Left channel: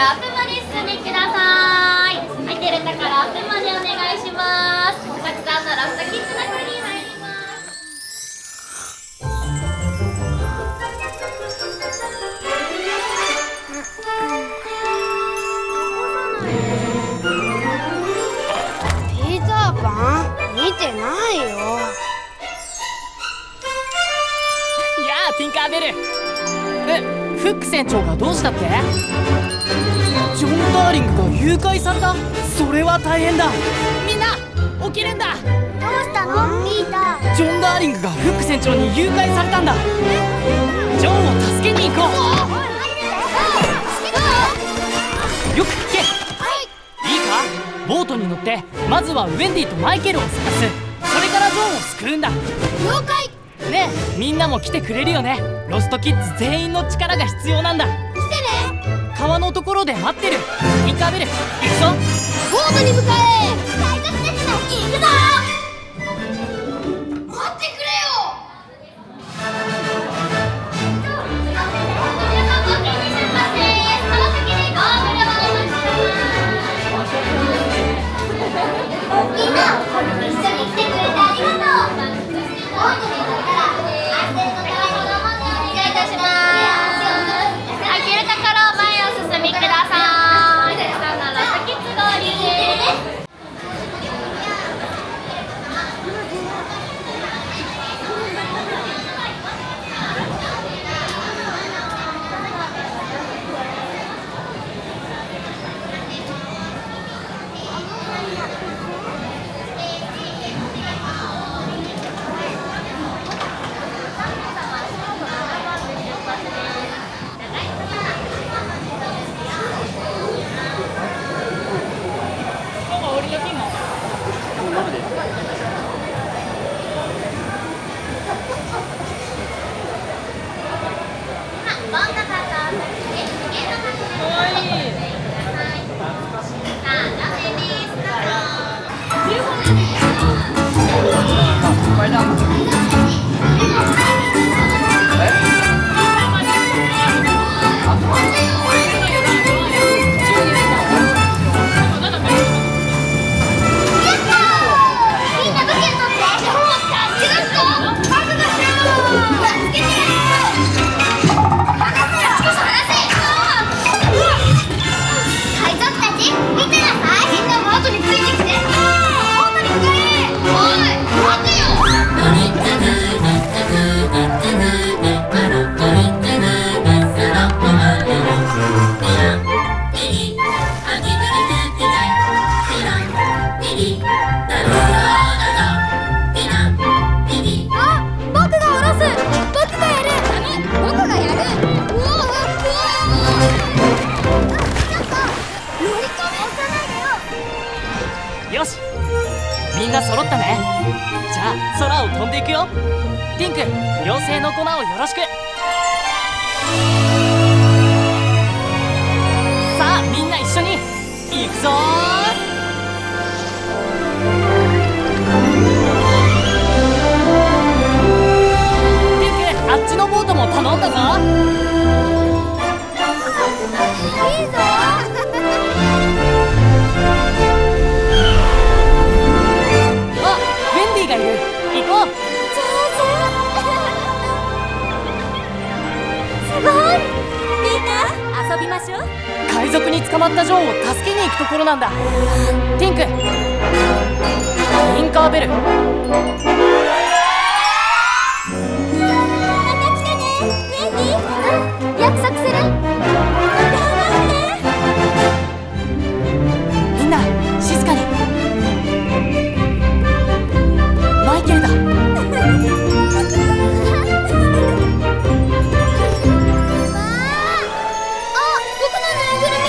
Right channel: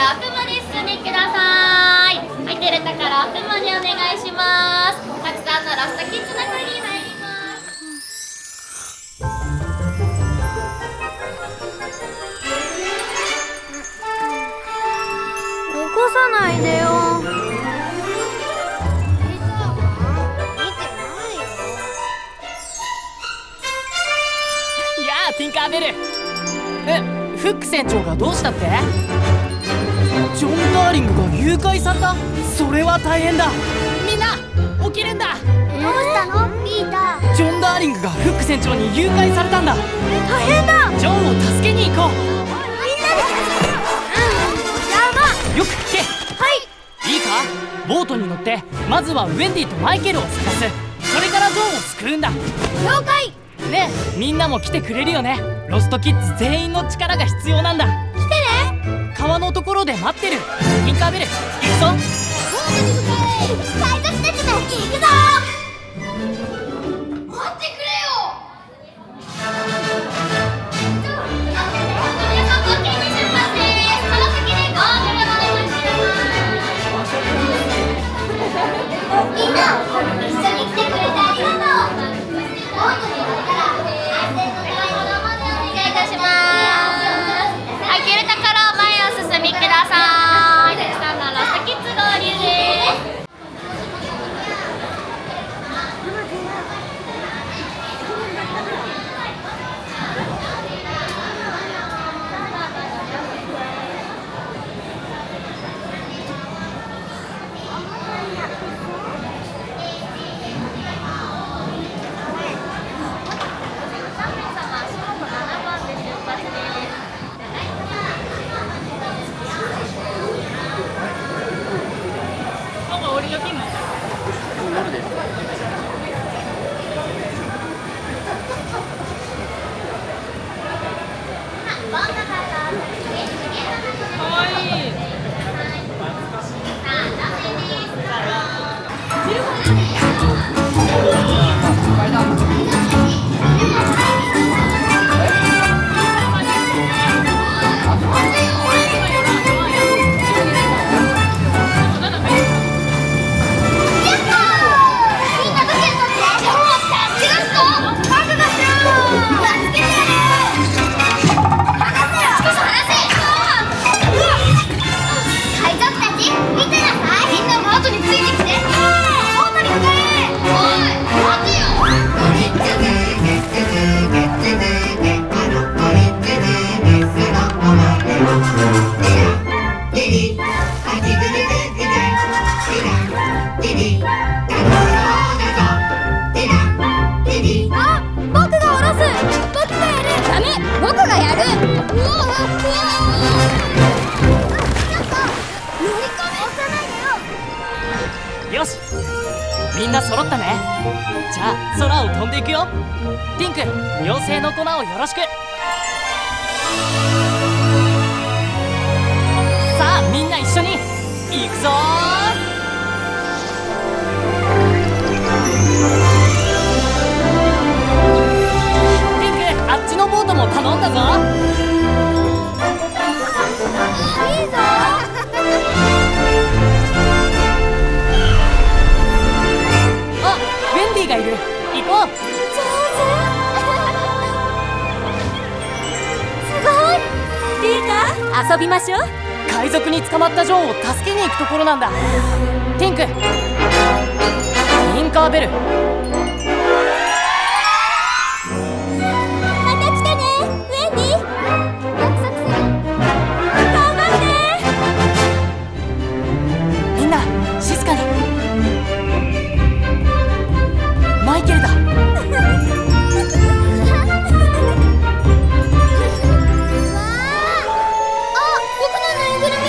から奥まで進んでください。空いてるところ奥までお願いします。たくさんのラストキッズの国に入ります。起こさないでよ。ピーターパン見てないよ。やあティンカーベル。フック船長がどうしたって？ジョン・ダーリングが誘拐された？それは大変だ。みんな起きるんだ。どうしたのピーター？ジョン・ダーリングがフック船長に誘拐されたんだ。大変だ。ジョンを助けに行こう。よく聞け。いいか、ボートに乗ってまずはウェンディとマイケルを探す。それからジョンを救うんだ。了解。ねえ、みんなも来てくれるよね。ロストキッズ全員の力が必要なんだ。来てね。川のところで待ってる。ティンカーベル行くぞ。ボートに向かえ。海賊たちも行くぞ。待ってくれよ。みんな一緒に来てくれてありがとう。ボートに乗ったら安全の高い子供でお願いいたします。行けるところを前をお進みください。たくさんのラストキッズ合流です。よし、みんな揃ったね。じゃあ空を飛んでいくよ。ティンク、妖精の粉をよろしく。さあみんな一緒に行くぞー。ティンク、あっちのボートも頼んだぞ。いいぞ。あ、ウェンディがいる。行こう。上手。すごい。ピーター、遊びましょう。海賊に捕まったジョンを助けに行くところなんだ。ティンク、ティンカーベル。また来てね、ウェンディ。うん、約束する。頑張って。みんな静かに。マイケルだ。わあ、僕のぬいぐるみ。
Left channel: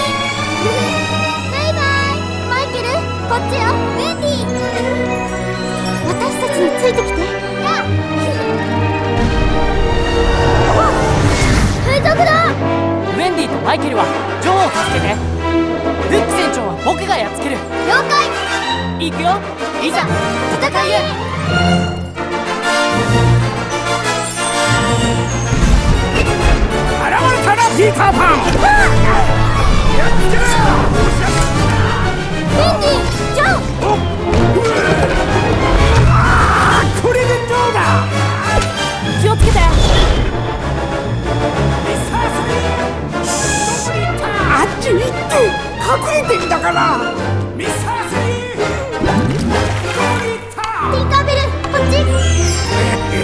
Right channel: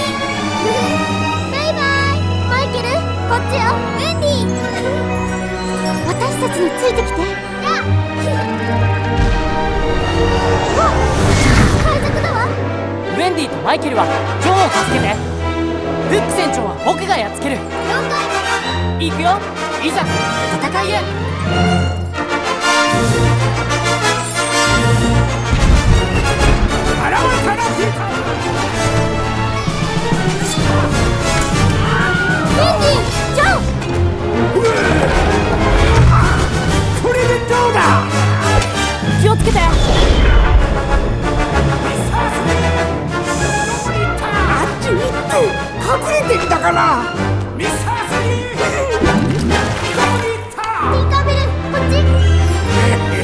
バイバイマイケル。こっちよ、ウェンディ。私たちについてきて。やあ。海賊だ。ウェンディとマイケルはジョンを助けて。フック船長は僕がやっつける。了解。行くよ。いざ戦いへ。現れたなピーターパン。って隠れてんだから。ミスタースリーどこに行ったティンカーベル、こっち。諦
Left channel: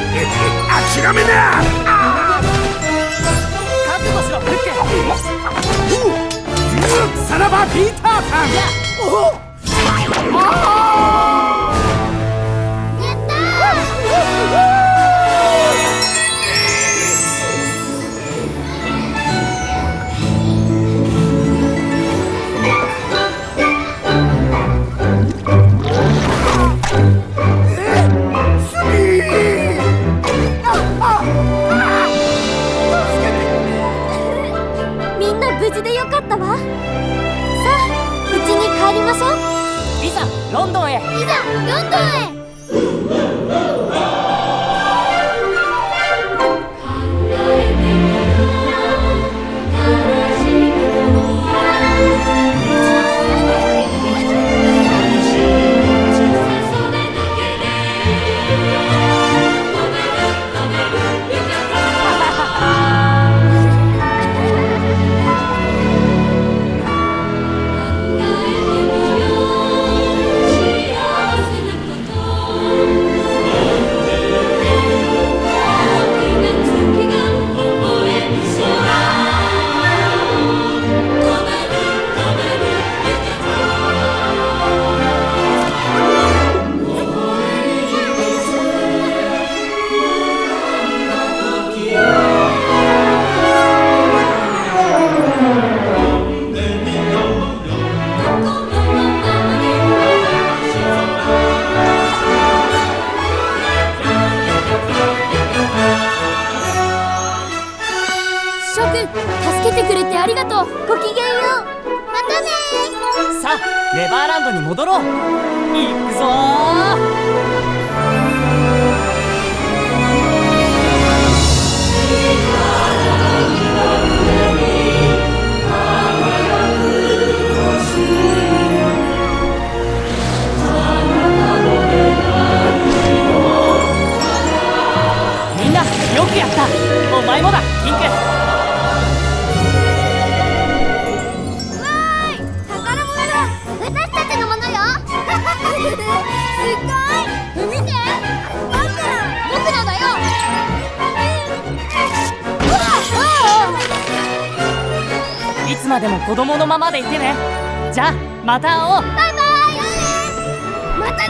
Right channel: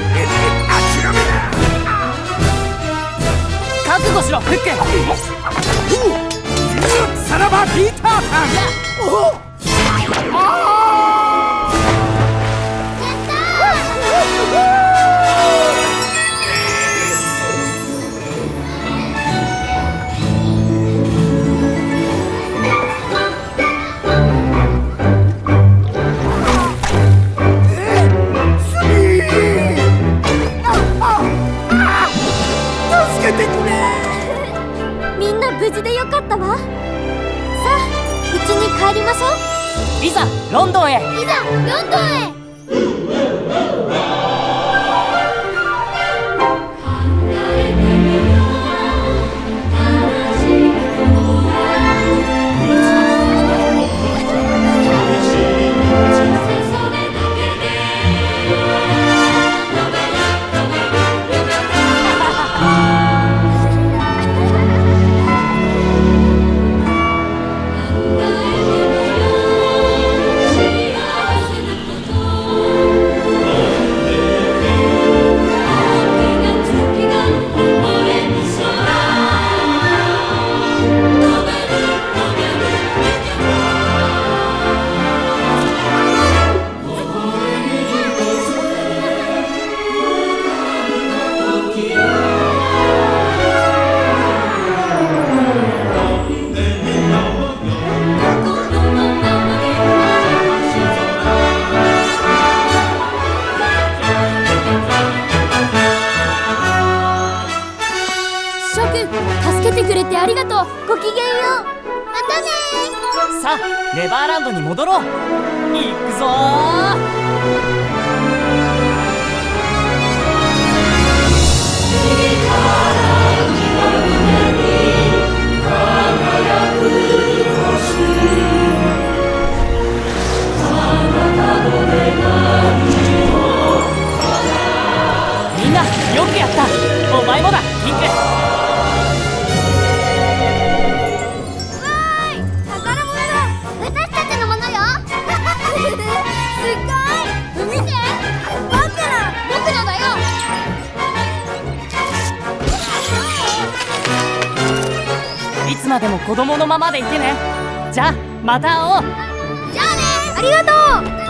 めな。覚悟しろフック。さらばピーターパン。やおあやったスミー。助けてくれ。みんな無事でよかったわ。さあ、うちに帰りましょう。いざロンドンへ。いざロンドンへ。翔くん、助けてくれてありがとう。ごきげんよう。またね。さあネバーランドに戻ろう。行くぞー。みんなよくやった。お前もだピンク。わーい、宝物だ。私たちのものよ。すごい。見て、僕のだよ。いつまでも子供のままでいてね。じゃあまた会おう。バイバイ。じゃあね。ありがとう。またね。